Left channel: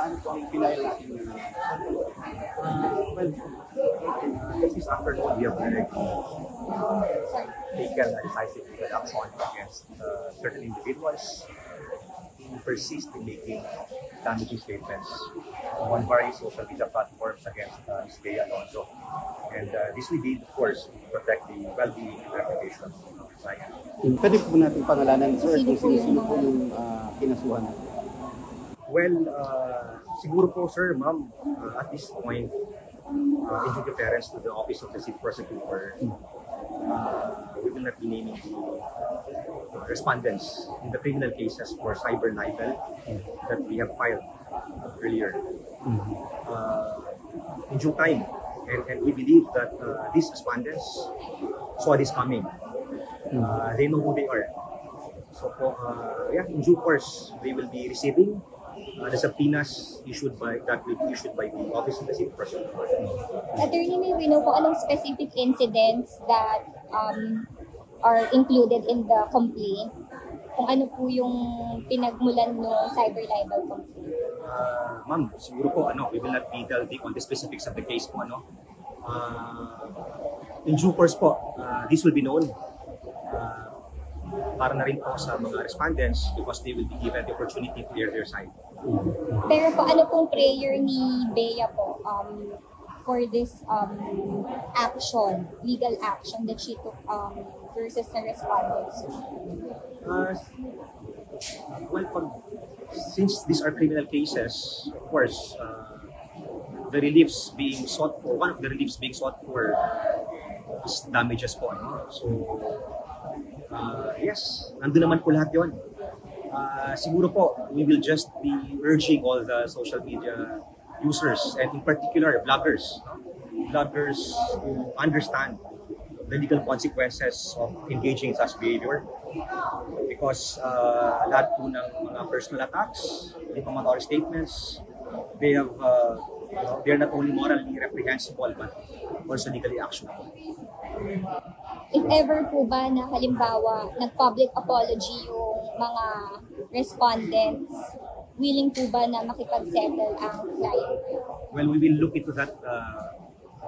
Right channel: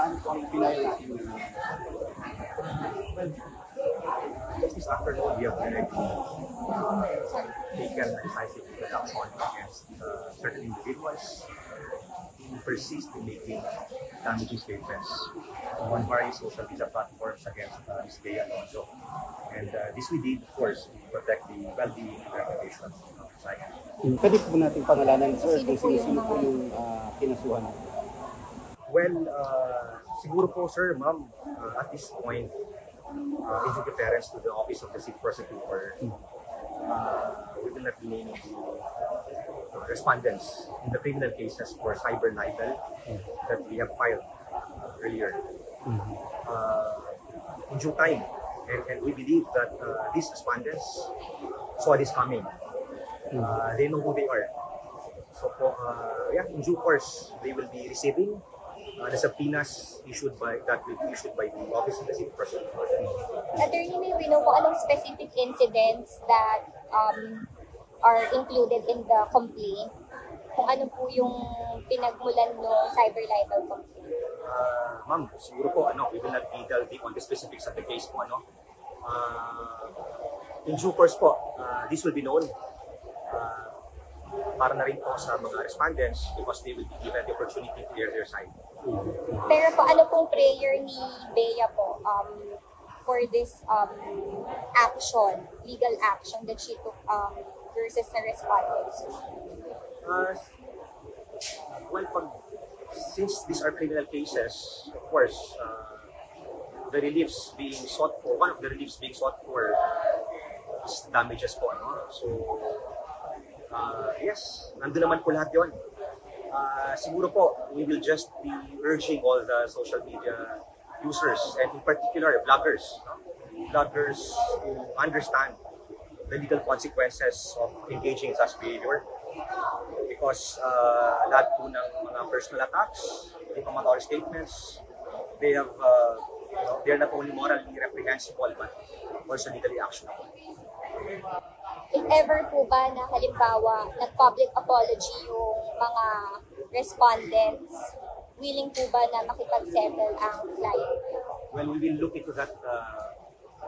ano po ang pinayal natin ngayon? Well, this afternoon we have already taken a decisive legal action against certain individuals who persist in making damaging statements on various social media platforms against Ms. Bea Alonzo. And this we did, of course, to protect the well-being and reputation of the client. Pwede po natin pangalanan, sir, kung sino-sino po yung kinasuhan? Well, siguro po, sir, ma'am, at this point, in due deference to the Office of the City Prosecutor, we will not be naming the respondents in the criminal cases for cyber libel that we have filed earlier. In due time, and we believe that these respondents saw this coming. They know who they are. So, yeah, in due course, they will be receiving the subpoenas issued by the Office of the City Prosecutor. Attorney, may we know kung anong specific incidents that are included in the complaint? Kung ano po yung pinagmulan ng cyber libel complaint? Ma'am, siguro po, we will not be delving on the specifics of the case po, in due course po, this will be known para na rin po sa mga respondents because they will be given the opportunity to clear their side. Pero po, ano pong prayer ni Bea po for this action, legal action that she took versus the respondents? Well, since these are criminal cases, of course, the reliefs being sought, one of the reliefs being sought for is damages po. So, yes, nandun naman po lahat yun. Siguro po, we will just be urging all the social media users and in particular vloggers to understand the legal consequences of engaging in such behavior because lahat po ng mga personal attacks, defamatory statements, they're not only morally reprehensible but also legally actionable. If ever po ba na halimbawa nag-public apology yung mga respondents, willing po ba na makipag-settle ang client? Well, we will look into that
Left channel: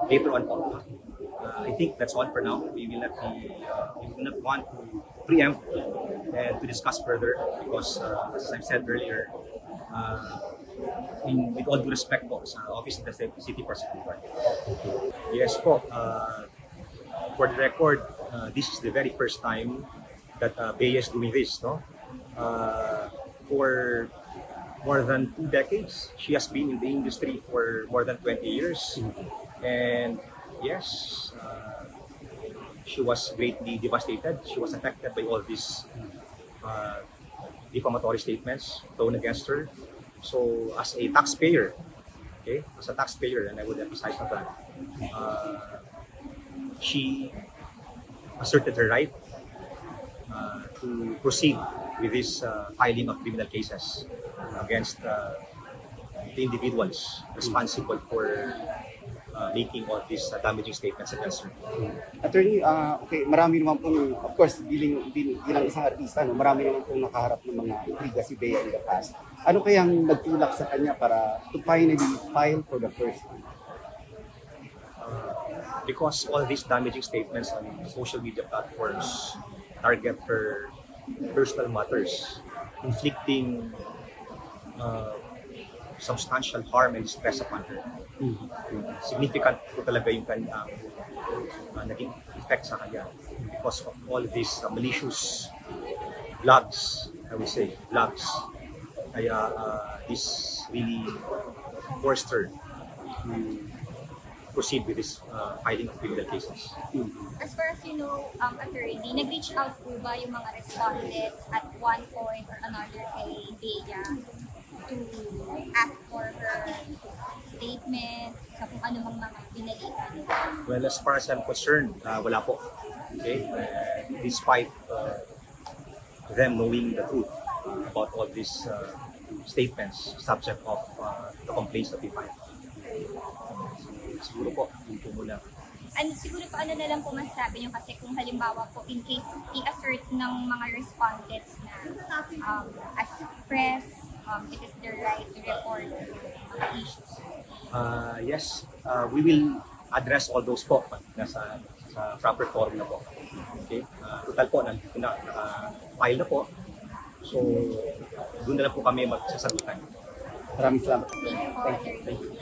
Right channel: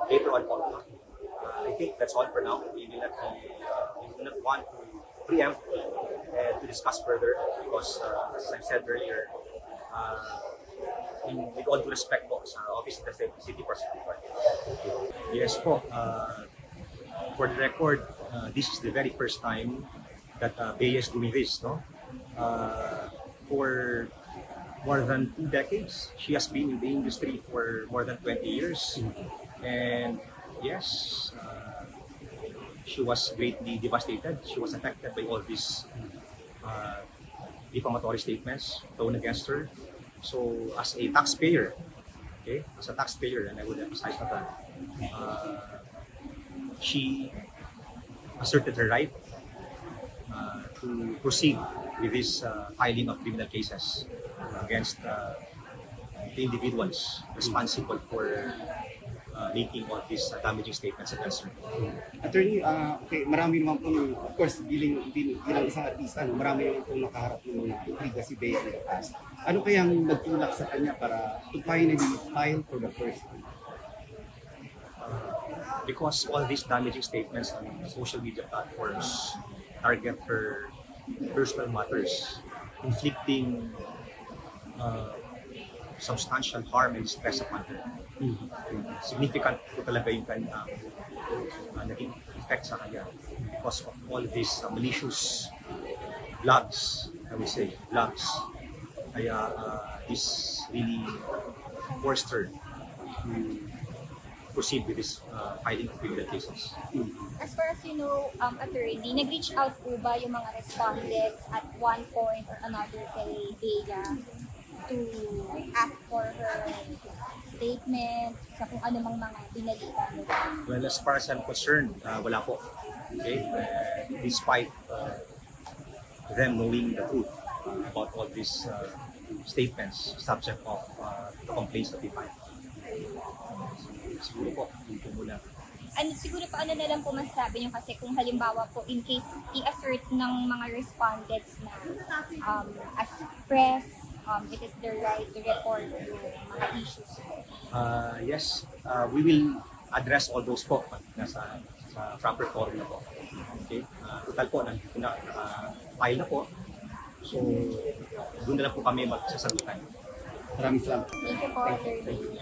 later on. I think that's all for now. We will not want to preempt and to discuss further because, as I said earlier, with all due respect po sa Office of the City Prosecutor. Yes po. For the record, this is the very first time that Bea is doing this, no? For more than 2 decades, she has been in the industry for more than 20 years, and yes, she was greatly devastated. She was affected by all these defamatory statements thrown against her. So, as a taxpayer, and I would emphasize on that, she asserted her right to proceed with this filing of criminal cases against the individuals responsible for making all these damaging statements against her. Attorney, okay, marami naman po, of course, bilang isang artista, marami naman po nakaharap ng mga intriga si Bea in the past. Ano kayang nagtulak sa kanya para to finally file for the first time? Because all these damaging statements on social media platforms target her personal matters, inflicting substantial harm and stress upon her. Significant po talaga yung kanyang naging effect sa kanya because of all these malicious vlogs, I would say, vlogs. Kaya this really forced her to proceed with this filing of criminal cases. As far as you know, attorney, nag-reach out po ba yung mga respondents at one point or another kay Bea to ask for her statement sa kung ano mga pinalitan? Well, as far as I'm concerned, wala po. Okay? Despite them knowing the truth about all these statements, subject of the complaints that we filed. Siguro po, dito muna. And siguro pa ano na lang po masasabi nyo kasi kung halimbawa po in case i-assert ng mga respondents na as press it is their right to report issues? Yes, we will address all those po sa proper forum na po. Okay? Total po, file na po. So, doon na lang po kami magsasagutan. Maraming salamat. Thank you. Thank you.